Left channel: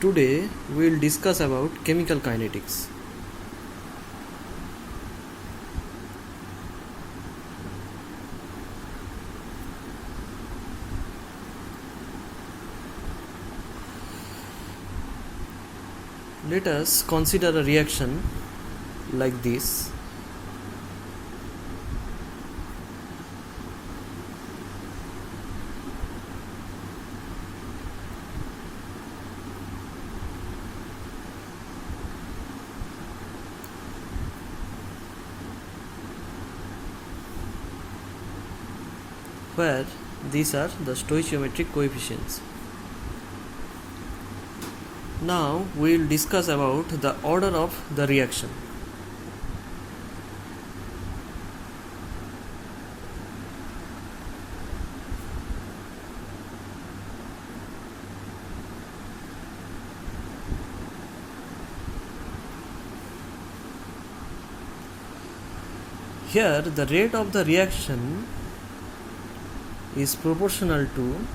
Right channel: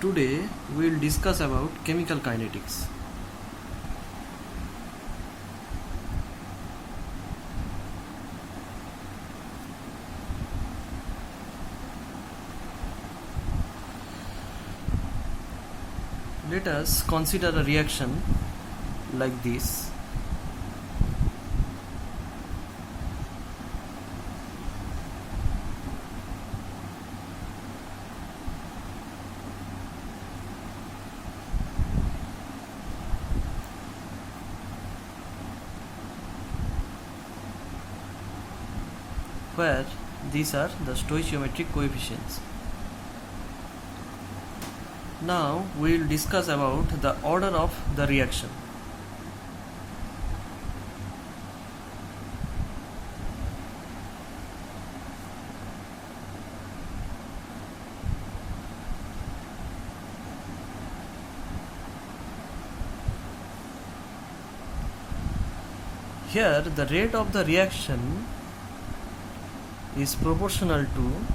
Today we will discuss about chemical kinetics. Let us consider a reaction like this. Where these are the stoichiometric coefficients. Now we will discuss about the order of the reaction. Here the rate of the reaction is proportional to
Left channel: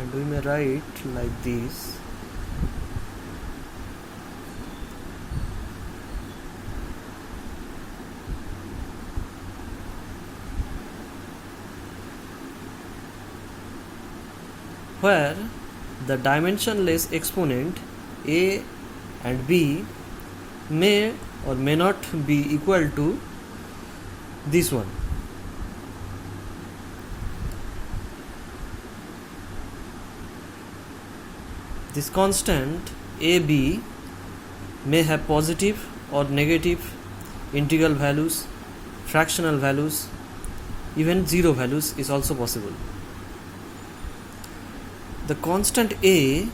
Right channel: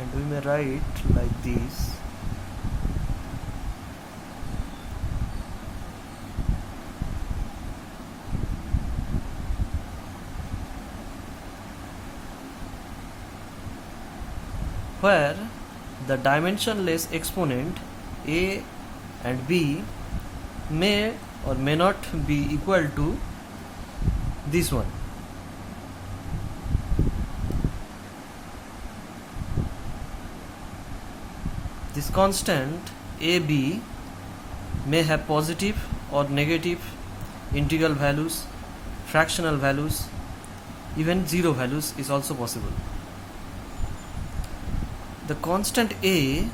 and we may write like this. Where the dimensionless exponent a and b may or may not be equal to this one. This constant AB may have positive or negative integral values, fractional values, even zero values is also possible. The constant A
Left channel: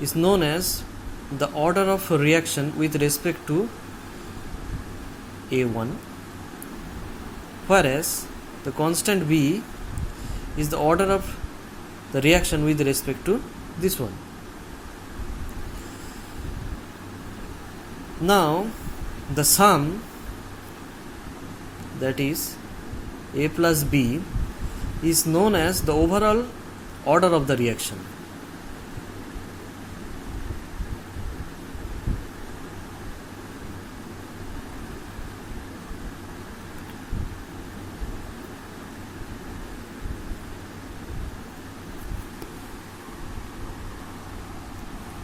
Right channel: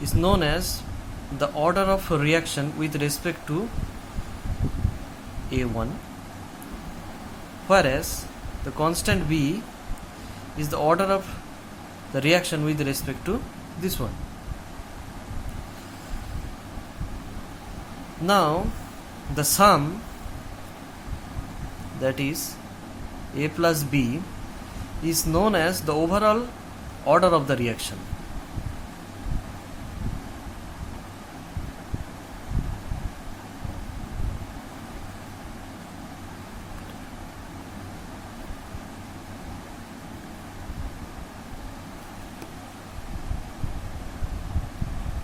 is known as the order of reaction with respect to A1, whereas the constant B is the order of the reaction with respect to this one. Now the sum, that is A plus B, is known as the overall order of the reaction.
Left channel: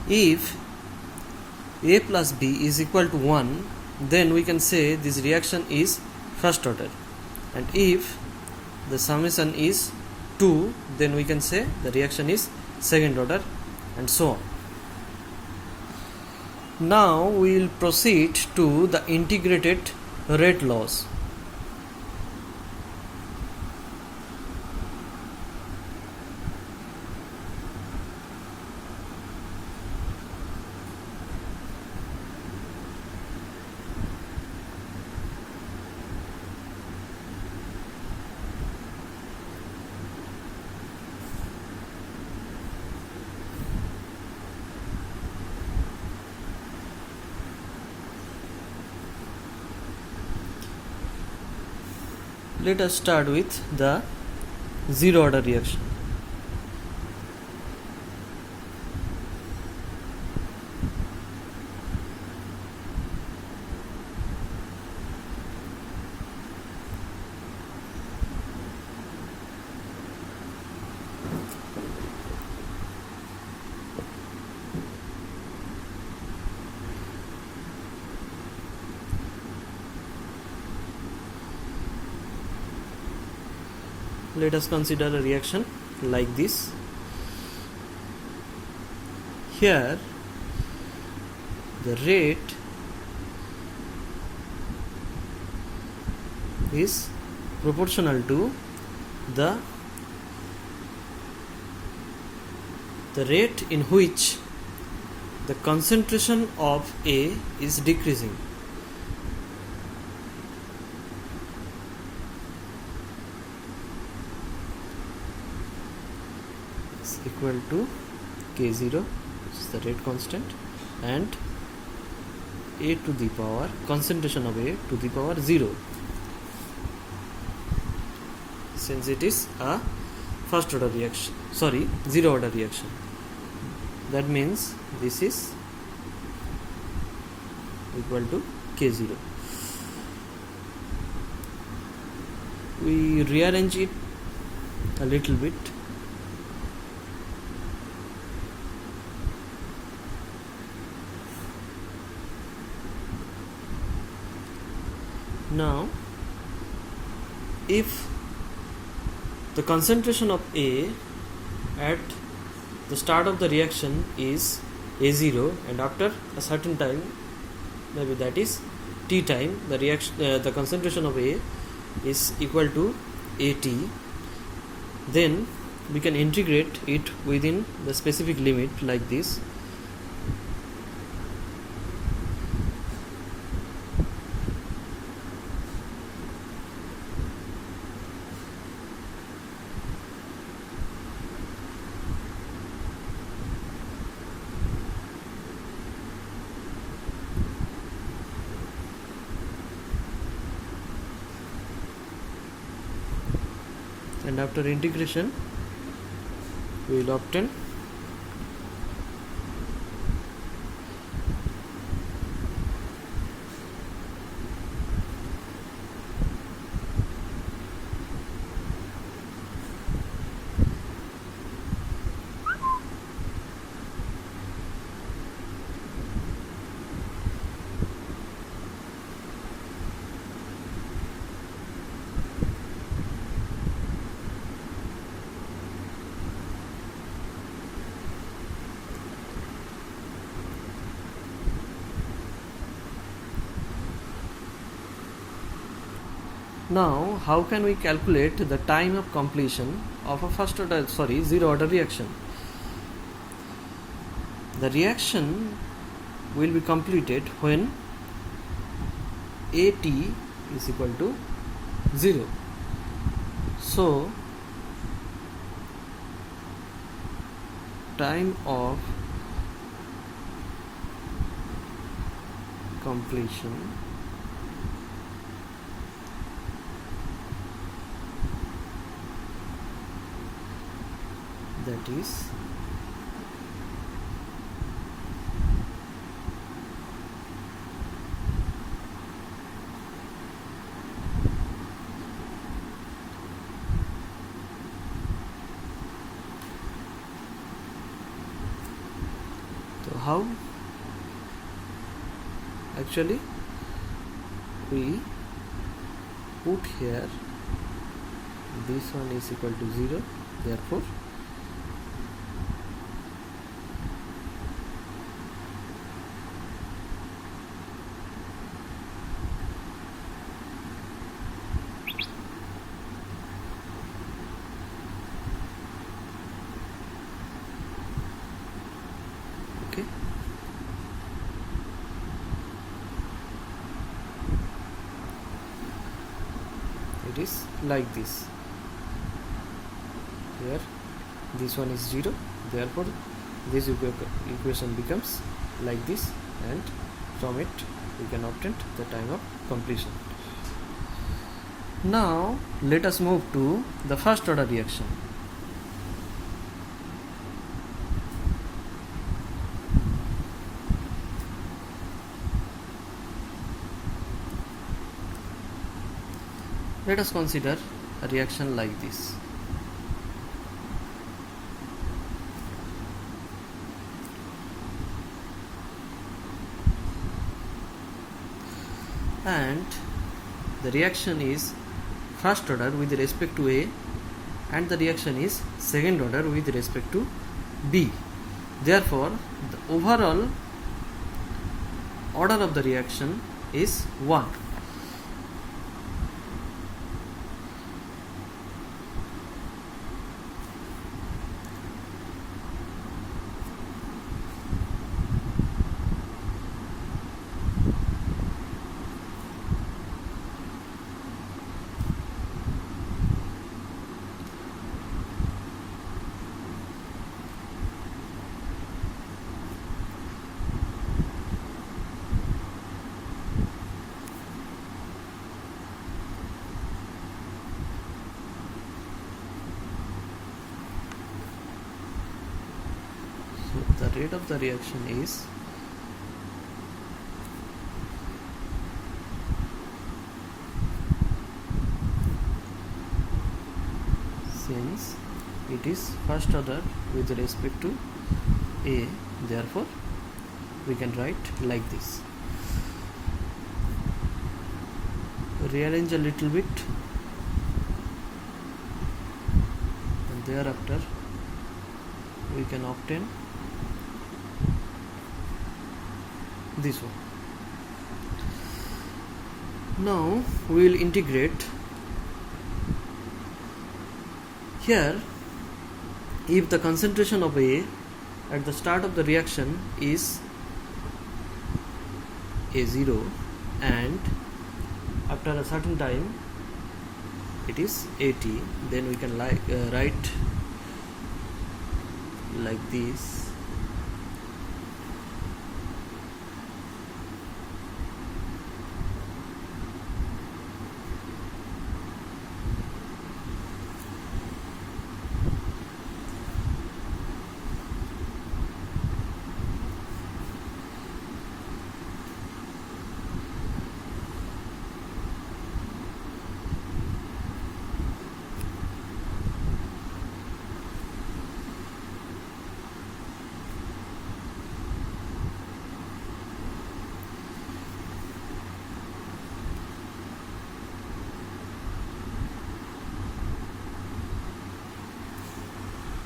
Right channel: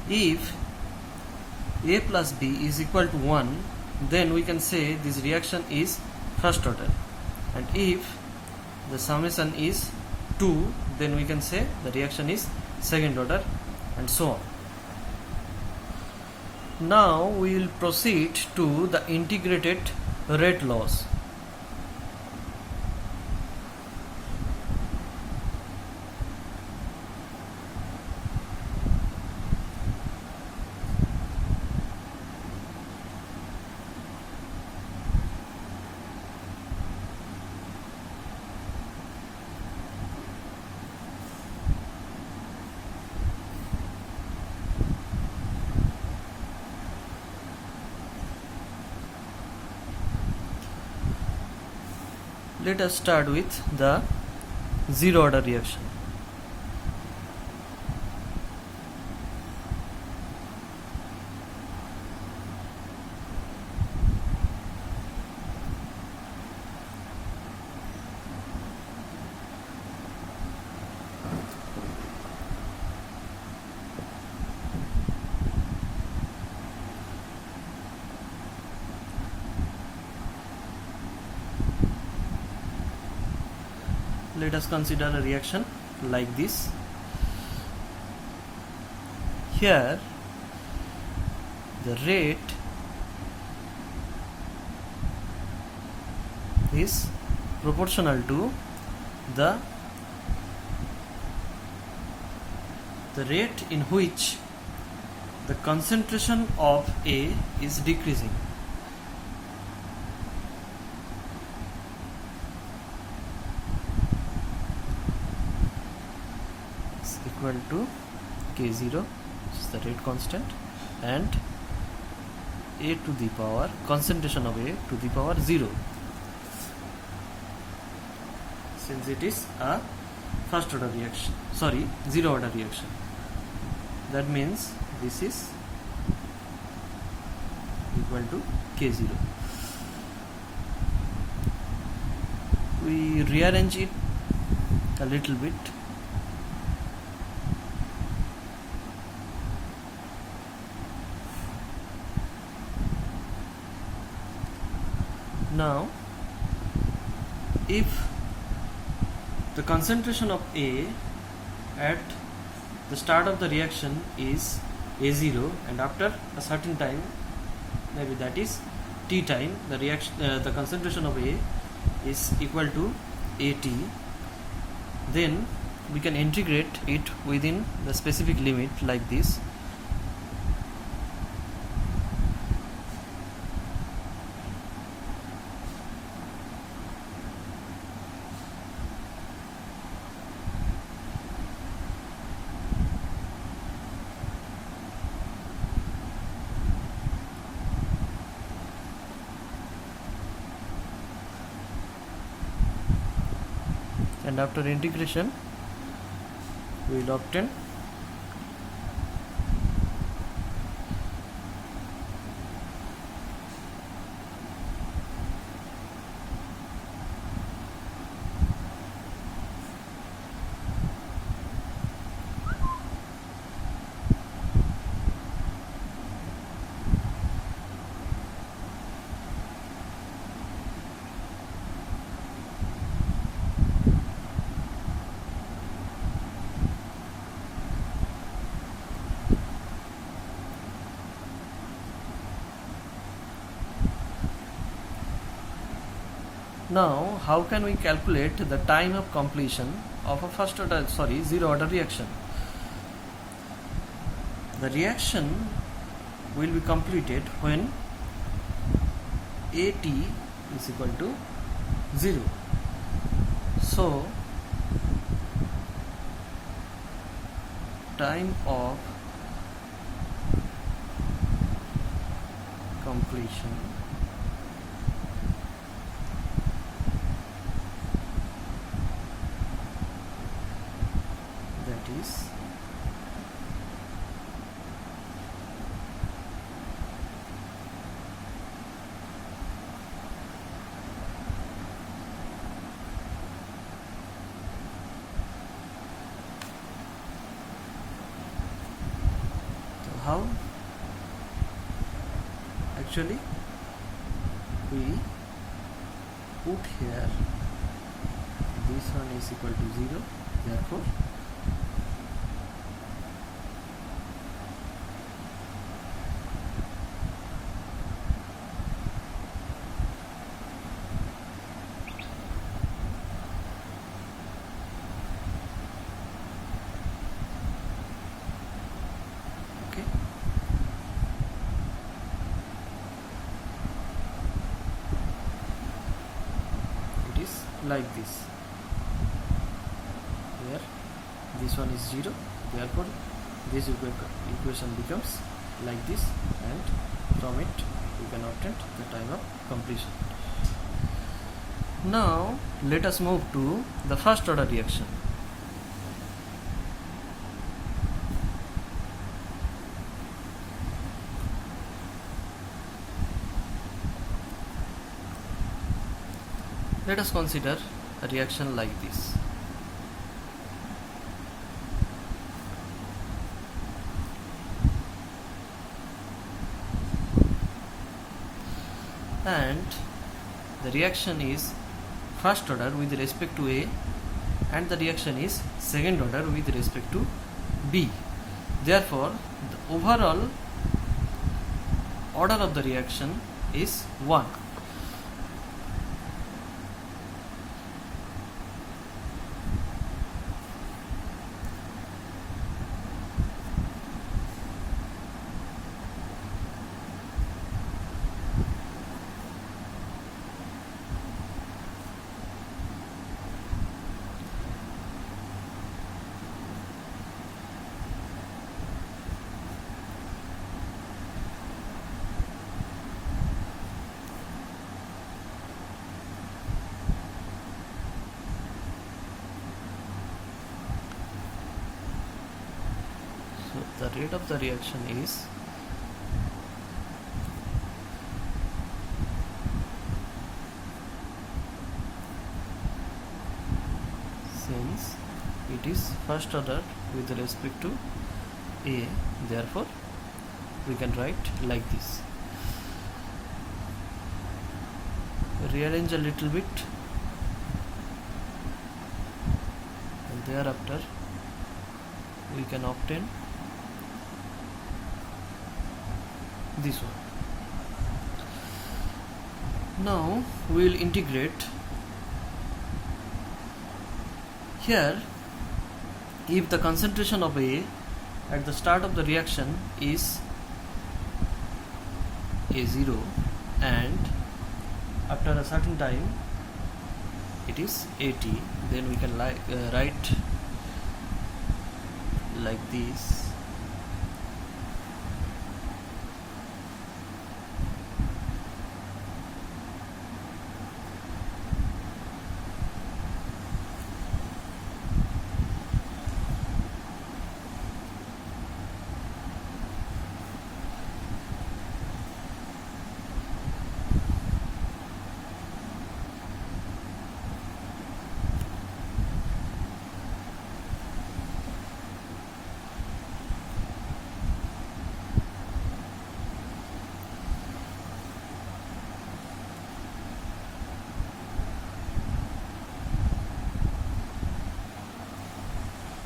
If A plus B is equal to 1, then we can say this reaction is first order, and if the summation is 2, then we can say the reaction is second order, and so on. Now we will proceed to the integrated rate laws. Let us start with the zero order reaction. Let us consider a reaction like this. Here the rate is proportional to the rate in which the concentration of A is decreasing. equal to K0, which is the rate constant, and A to the power, concentration of A to the power 0, since it is a first order reaction, zero order reaction. That means this is equal to K0. We rearrange it a little bit. Now, if the concentration of A at the start of the reaction is A0, and after a certain time, maybe that is T time, the concentration of A is equal to AT, then we can integrate it within the specific limit like this. And after integration we will obtain Now, how can we calculate the time of completion of a zero order reaction? The reaction will be completed when AT is equal to 0. So, time of completion that is so how actually we put here this one is equal to 0, therefore okay. It is like this. Here this one is 0, therefore this equation becomes like this, and from it we can obtain the time of completion. Now let us move to the first order reaction. Let us consider a reaction like this. And the reaction is first order with respect to A, and the reaction is second order with respect to B. Therefore, the overall order of the reaction is 1. rate of the reaction is since it is first order with respect to A, therefore we can write like this. Rearrange a little bit, and thereafter we can obtain this one. Now we will integrate. Here, if the concentration of A at the start of the reaction is A0 and after a certain time it is AT, then we can write like this.